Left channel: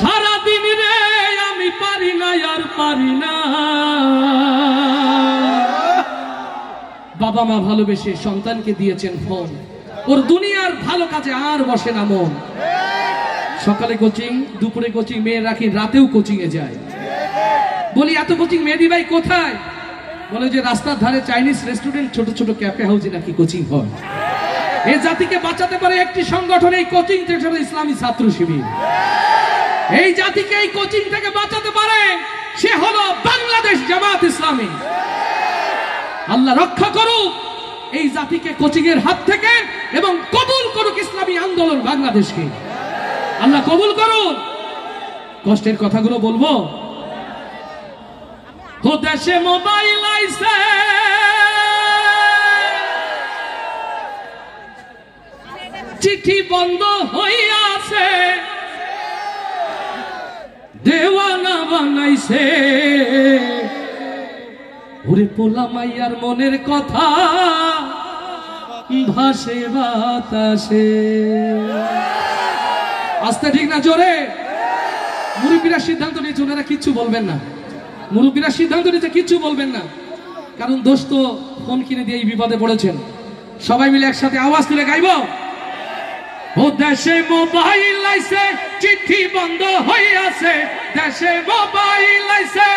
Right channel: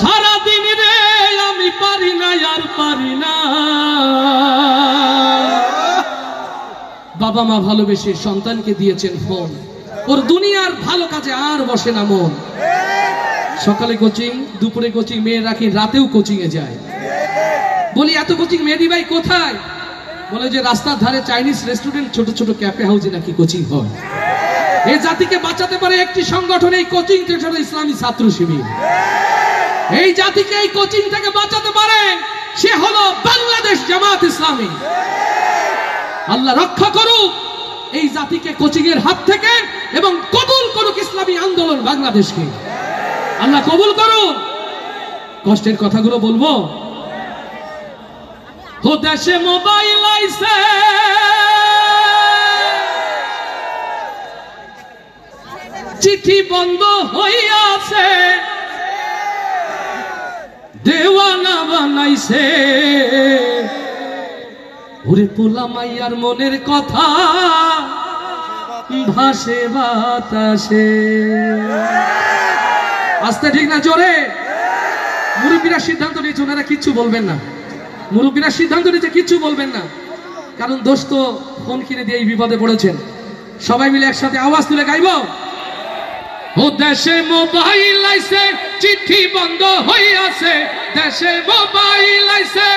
সারা দিন রে আমি পারি না আর পারি না। বাবা মা ভালোবেসে সন্তানকে দিয়েছেন ফোন, ওর দুনিয়ার ভালো কাজে আর বসে না মন। সকালে কোচিং, দুপুরে কোচিং, মেয়ে রাখি রাতেও কোচিং এ যায়। বলি এত কোচিং মেহেদি ভাই কোথায়? বলে যে রাস্তার ধারে চাইনিজ রেস্টুরেন্ট, ছোট ছোট ক্যাফে হাউসে নাকি কোচিং হয়। এই জাতিকে বাঁচাতে পারে একটি সংগঠন, এই কোচিং থেকে ইসলামী ছাত্র শিবির। এই জাতিকে এই কোচিং থেকে বাঁচাতে পারে সে হলো বাংলাদেশ জামাত ইসলামী। আল্লাহ রক্ষা করুক এই জাতিকে কোচিং এর হাত থেকে এবং কবুল করুক ইসলামী আন্দোলন বাংলাদেশকে। আল্লাহ কবুল করুন। কষ্টের কথাগুলো বলবো। ও দেশে মোবাইল আইছে, চিঠি বন্ধ হইয়াছে, দেওয়ানা বানাইছে। ওরে পোলা মাইয়ার মনের কথা ভাসে বাতাসে। আস্তে ঠিক না জোরে? মুরব্বীরা সিদ্ধান্ত নিয়েছে ওনারা কিচ্ছু বলবেন না। মুরব্বীরা সিদ্ধান্ত নিয়েছে কিচ্ছু বলবেন না, কারণ দোষ তো ফোন কিনে দিয়ে এই বিপদে পড়েছেন। সবাই মিলে একসাথে আওয়াজ তুলে গাইব। ও দেশে মোবাইল আইছে, চিঠি বন্ধ হইয়াছে, দেশে মোবাইল আইছে,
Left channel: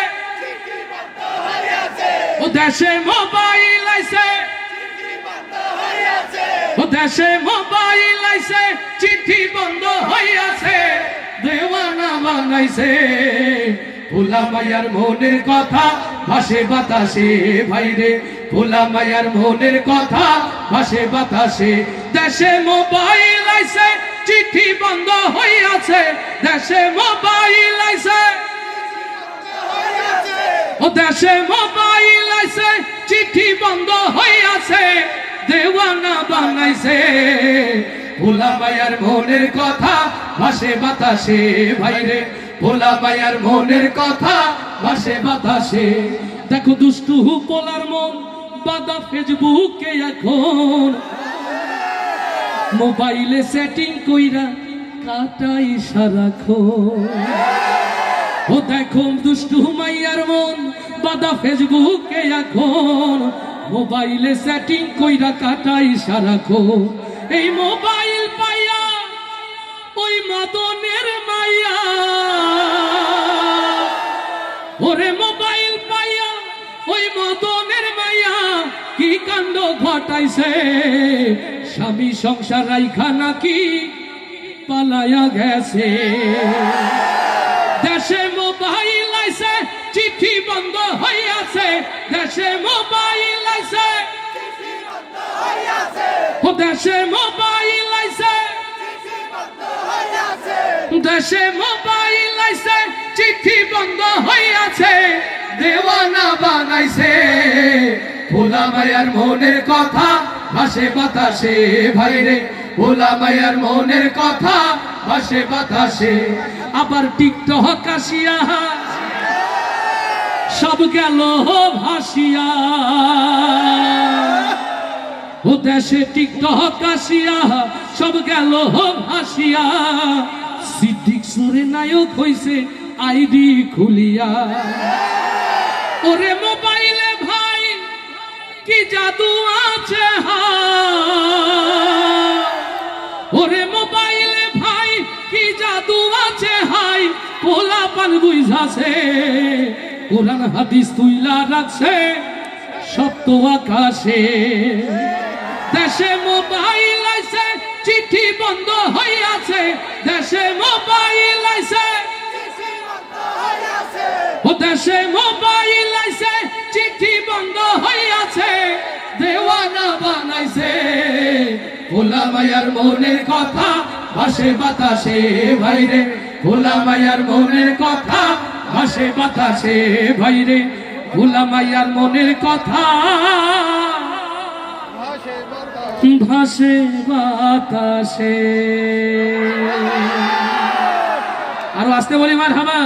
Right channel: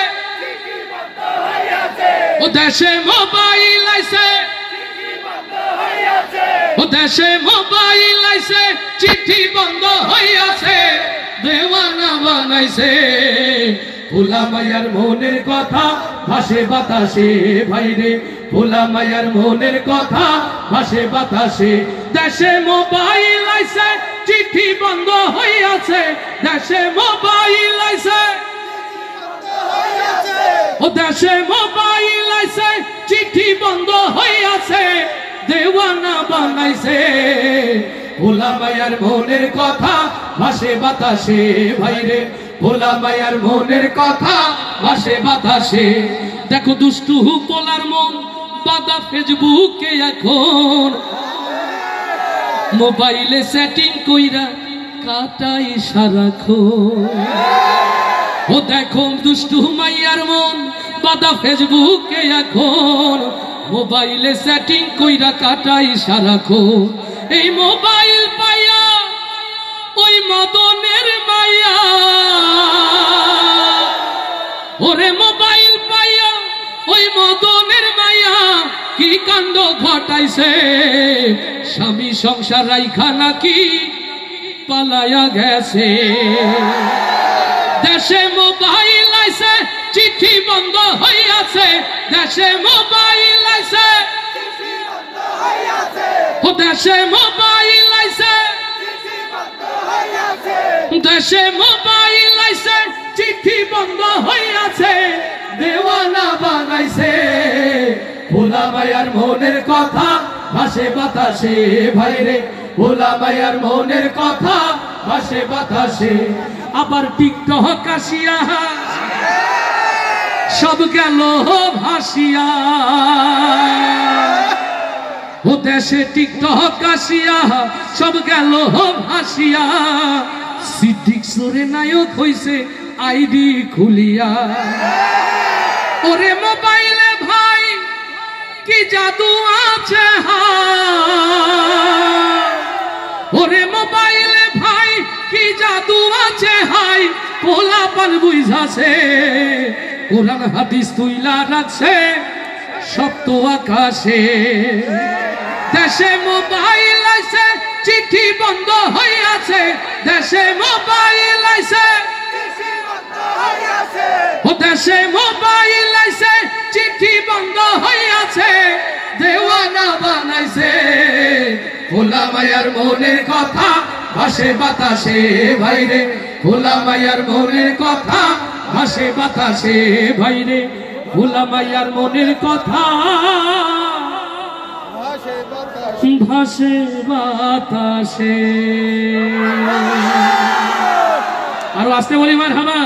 ও দেশে মোবাইল আইছে, ও দেশে মোবাইল আইছে, চিঠি বন্ধ হইয়াছে, দেওয়ানা বানাইছে। ভোলা মায়ার মনের কথা ভাসে বাতাসে ভাইরে, ভোলা মায়ার মনের কথা ভাসে বাতাসে। দেশে মোবাইল আইছে, চিঠি বন্ধ হইয়াছে, দেশে মোবাইল আইছে, ও দেশে মোবাইল আইছে, চিঠি বন্ধ হইয়াছে, দেওয়ানা বানাইছে। ভোলা মায়ার মনের কথা ভাসে বাতাসে ভাইরে, ভোলা মায়ার মনের কথা ভাসে বাতাসে। দেখো দুষ্টু পোলার মন বাদা ফেসবুকে এখন, মোবাইলে সেটিং কইরা কাটাই সারাক্ষণ। ও দেখো দুষ্টু মাইয়ার মন বাদা ফেসবুকে এখন, মোবাইলে সেটিং কইরা কাটাই সারাক্ষণ। এই মোবাইল পাইয়া ওই মদনের মাইয়া, ওরে মোবাইল পাইয়া ওই মদনের মাইয়া কি কাণ্ড ঘটাইছে। স্বামী সংসার রাইখা নাকি পালায়া গেছে। দেশে মোবাইল আইছে, চিঠি বন্ধ হইয়াছে, দেশে মোবাইল আইছে, ও দেশে মোবাইল আইছে, দেশে মোবাইল আইছে, চিঠি বন্ধ হইয়াছে, দেওয়ানা বানাইছে। ভোলা মায়ার মনের কথা ভাসে বাতাসে ভাইরে, ভোলা মায়ার মনের কথা ভাসে বাতাসে। আবার টিকটক আসিয়া সব গেল ভাসিয়া, ও দেশে টিকটক আসিয়া সব গেল ভাসিয়া। সিদ্দিক সরে নায়ক হইছে আইডি খুলিয়া। ওরে মোবাইলে ভাই কি জাদু আছে, ওরে মোবাইলে ভাই কি জাদু আছে হাই, পোলা পান বুঝাছে, কোরআন হাদিস তুইলা রাখছে সপ্ত আকাশে। দেশে মোবাইল আইছে, চিঠি বন্ধ হইয়াছে, দেশে মোবাইল আইছে, ও দেশে মোবাইল আইছে, চিঠি বন্ধ হইয়াছে, দেওয়ানা বানাইছে। ভোলা মায়ার মনের কথা ভাসে বাতাসে ভাইরে, ভোলা মায়ার মনের কথা ভাসে বাতাসে ভাইরে, ভোলা মায়ার মনের কথা ভাসে বাতাসে। আরো আসতে বলি মারহাবা।